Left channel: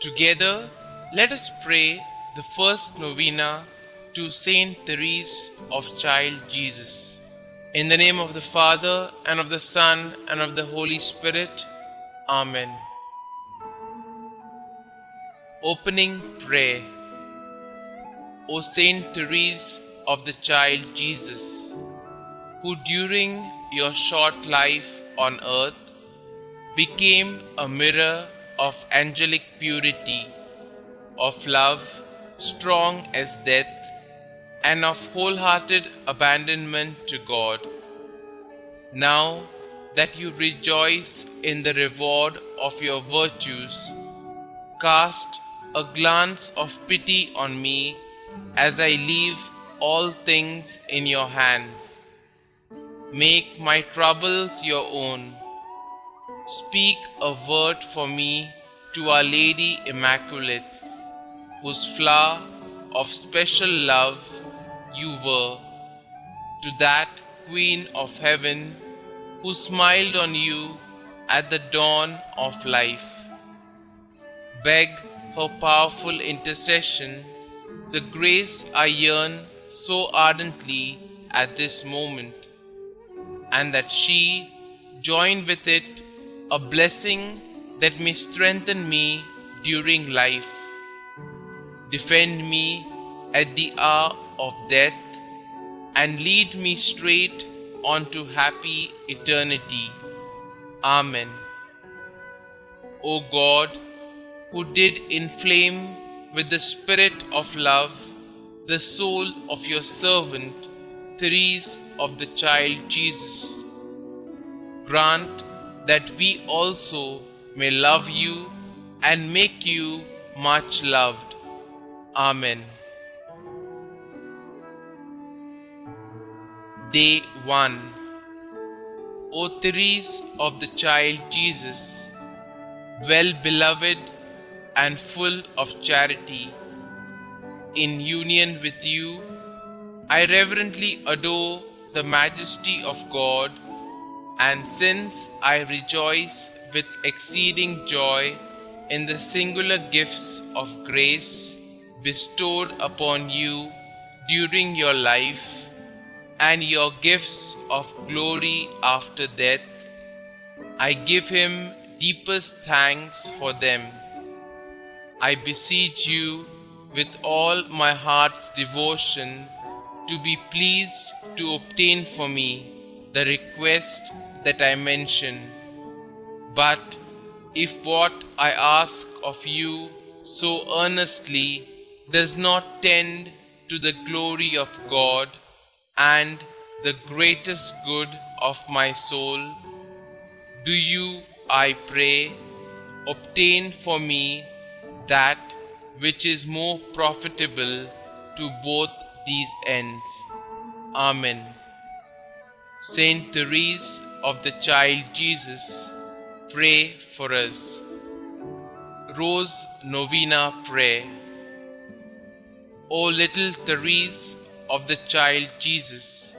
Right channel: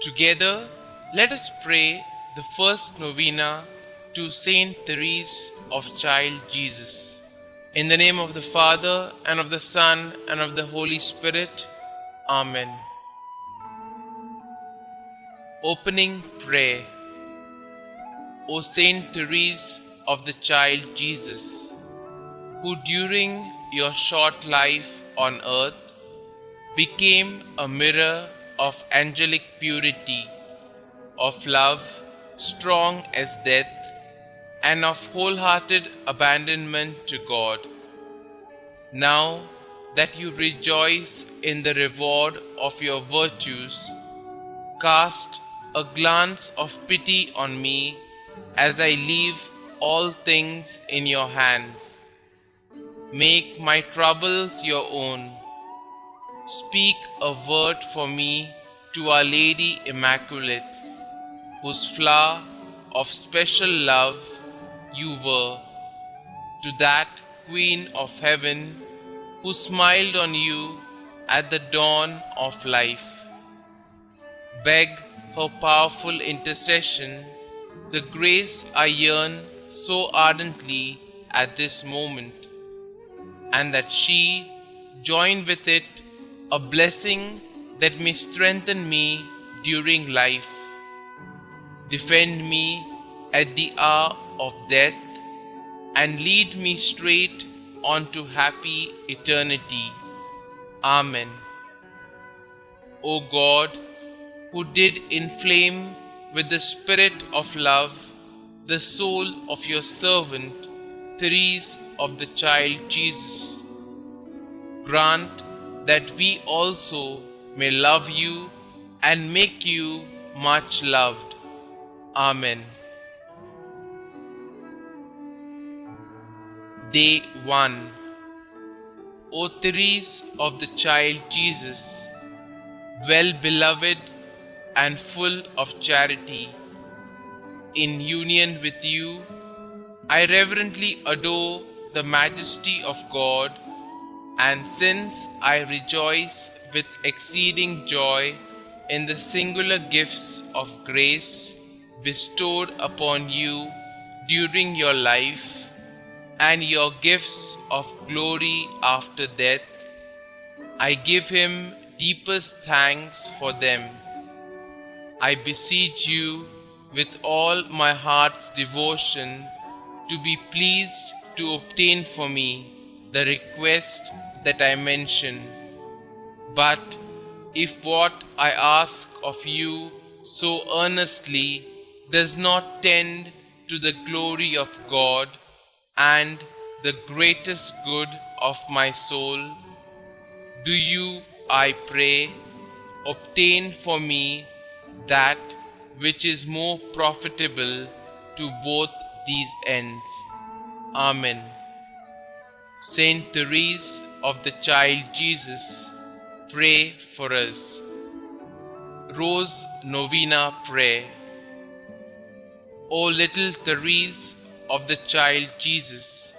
Together, let us pray the first novena to Saint Therese of Child Jesus. In the name of the Father, and of the Son, and of the Holy Spirit. Amen. Opening Prayer. O Saint Therese of the Child Jesus, who during your short life on earth became a mirror of angelic purity, of love strong as death, and of wholehearted abandonment to God. Now that you rejoice in the reward of your virtues, cast a glance of pity on me as I leave all things in your hands. Make my troubles your own. Speak a word for me to Our Lady Immaculate, whose flower of special love you were, to that Queen of Heaven who smiled on you at the dawn of life. Beg her powerful intercession, the grace I yearn so ardently at this moment, and that she join with it a blessing that may strengthen me during life, defend me at the hour of death, and lead me straight onto happy eternity. Amen. O God, who did inflame with the spirit of love the soul of your servant, Therese of the Child Jesus, grant that we also may love you and make you much loved. Amen. Day 1. O Therese of the Child Jesus, well beloved and full of charity, in union with you, I reverently adore the majesty of God, and since I rejoice with exceeding joy in the singular gifts of grace bestowed upon you during your life, and your gifts of glory after death, I give him deepest thanks for them. I beseech you with all my heart's devotion to be pleased to obtain for me the request that I mention. But if what I ask of you so earnestly does not tend to the glory of God and the greatest good of my soul, do you, I pray, obtain for me that which is more profitable to both these ends. Amen. Saint Therese of the Child Jesus, pray for us. Rose Novena Prayer. O little Therese of the Child Jesus,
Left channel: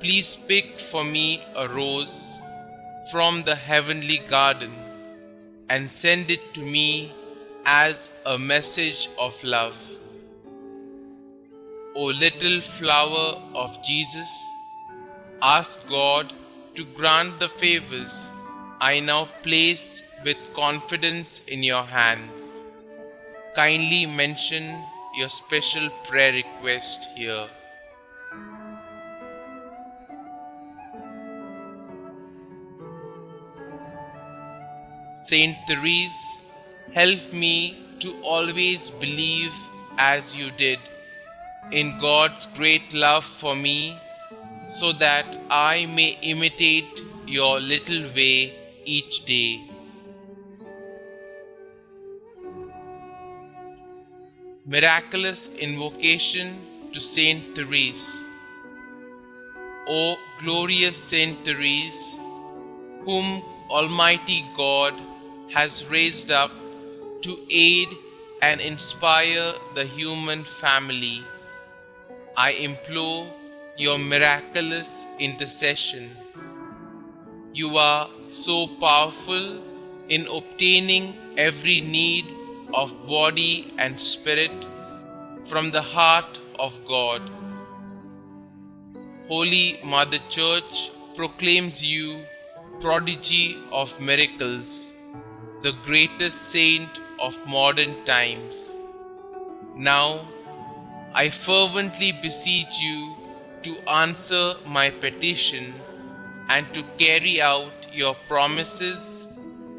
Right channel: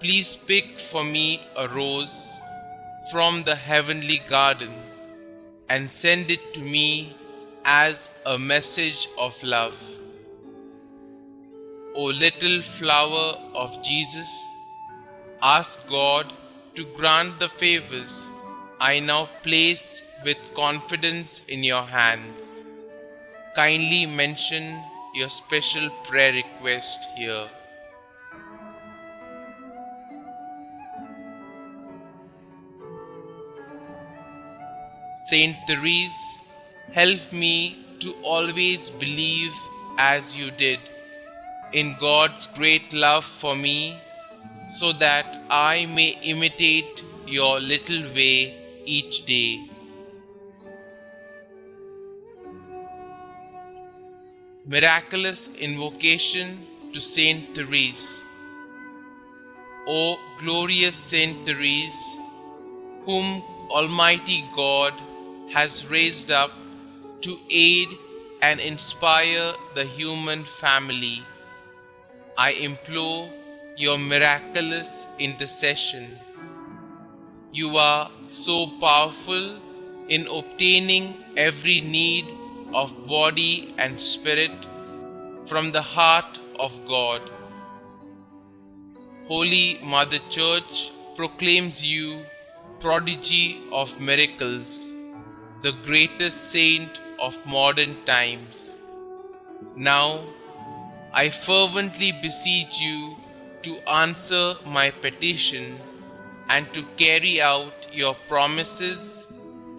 please pick for me a rose from the heavenly garden and send it to me as a message of love. O little flower of Jesus, ask God to grant the favors I now place with confidence in your hands. Kindly mention your special prayer request here. Saint Therese, help me to always believe as you did in God's great love for me, so that I may imitate your little way each day. Miraculous invocation to Saint Therese. O glorious Saint Therese, whom Almighty God has raised up to aid and inspire the human family, I implore your miraculous intercession. You are so powerful in obtaining every need of body and spirit from the heart of God. Holy Mother Church proclaims you prodigy of miracles, the greatest saint of modern times. Now, I fervently beseech you to answer my petition and to carry out your promises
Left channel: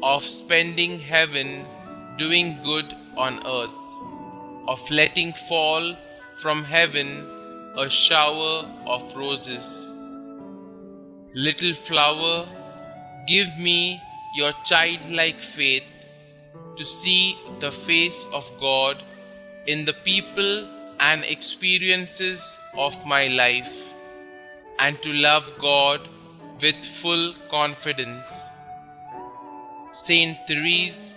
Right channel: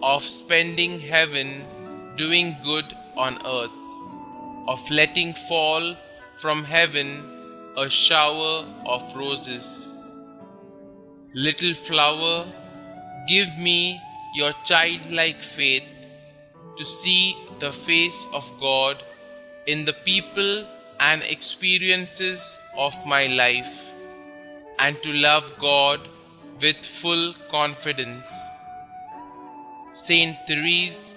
of spending heaven doing good on earth, of letting fall from heaven a shower of roses. Little flower, give me your childlike faith to see the face of God in the people and experiences of my life, and to love God with full confidence. Saint Therese,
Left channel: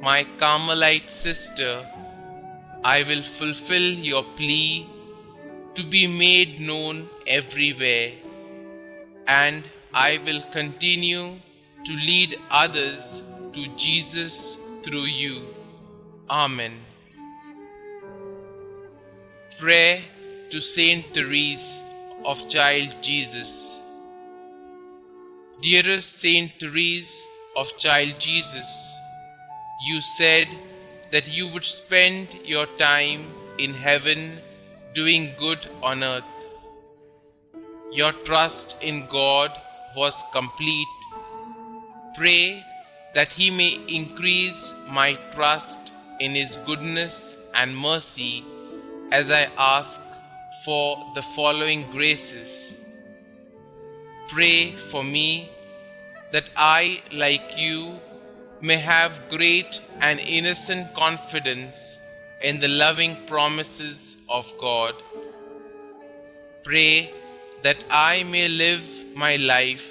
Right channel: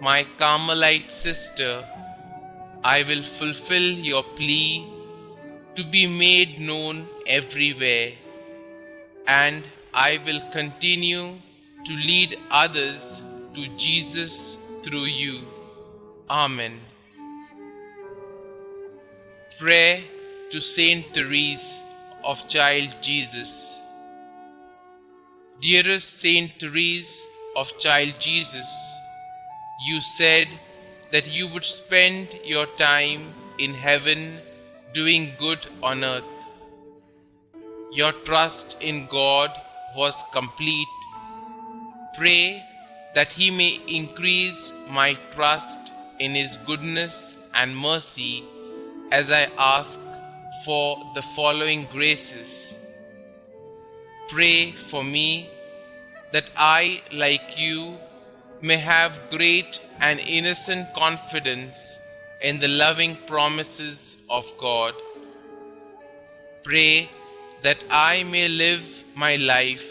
my Carmelite sister, I will fulfill your plea to be made known everywhere, and I will continue to lead others to Jesus through you. Amen. Prayer to Saint Therese of Child Jesus. Dearest Saint Therese of Child Jesus, you said that you would spend your time in heaven doing good on earth. Your trust in God was complete. Pray that He may increase my trust in His goodness and mercy as I ask for the following graces. Pray for me that I, like you, may have great and innocent confidence in the loving promises of God. Pray that I may live my life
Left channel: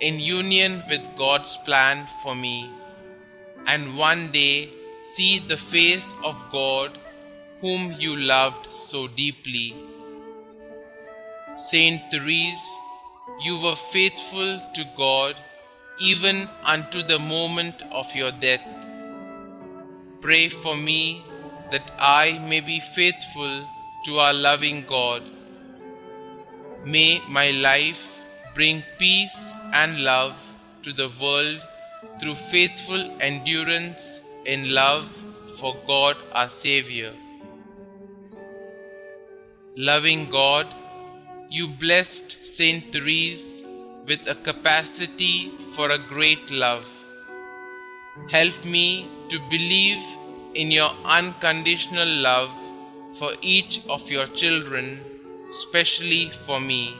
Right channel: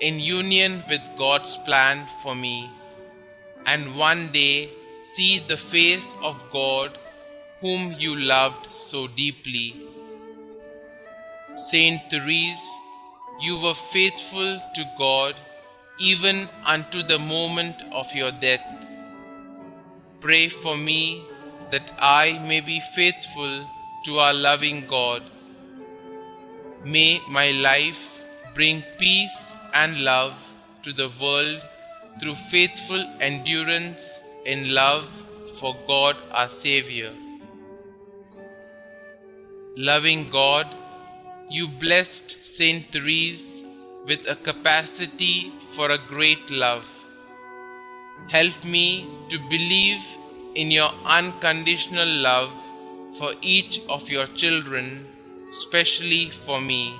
in union with God's plan for me, and one day see the face of God whom you loved so deeply. Saint Therese, you were faithful to God even unto the moment of your death. Pray for me that I may be faithful to our loving God. May my life bring peace and love to the world through faithful endurance in love for God our Xavier. Loving God, you blessed Saint Therese with a capacity for a great love. Help me to believe in your unconditional love for each of your children, especially for me.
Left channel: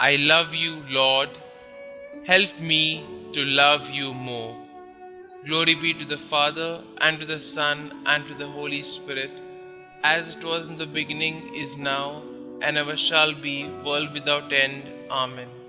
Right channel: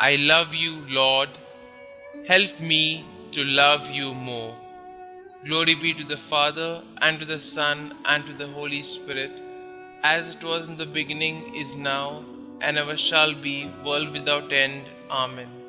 I love you, Lord. Help me to love you more. Glory be to the Father, and to the Son, and to the Holy Spirit, as it was in the beginning, is now, and ever shall be, world without end. Amen.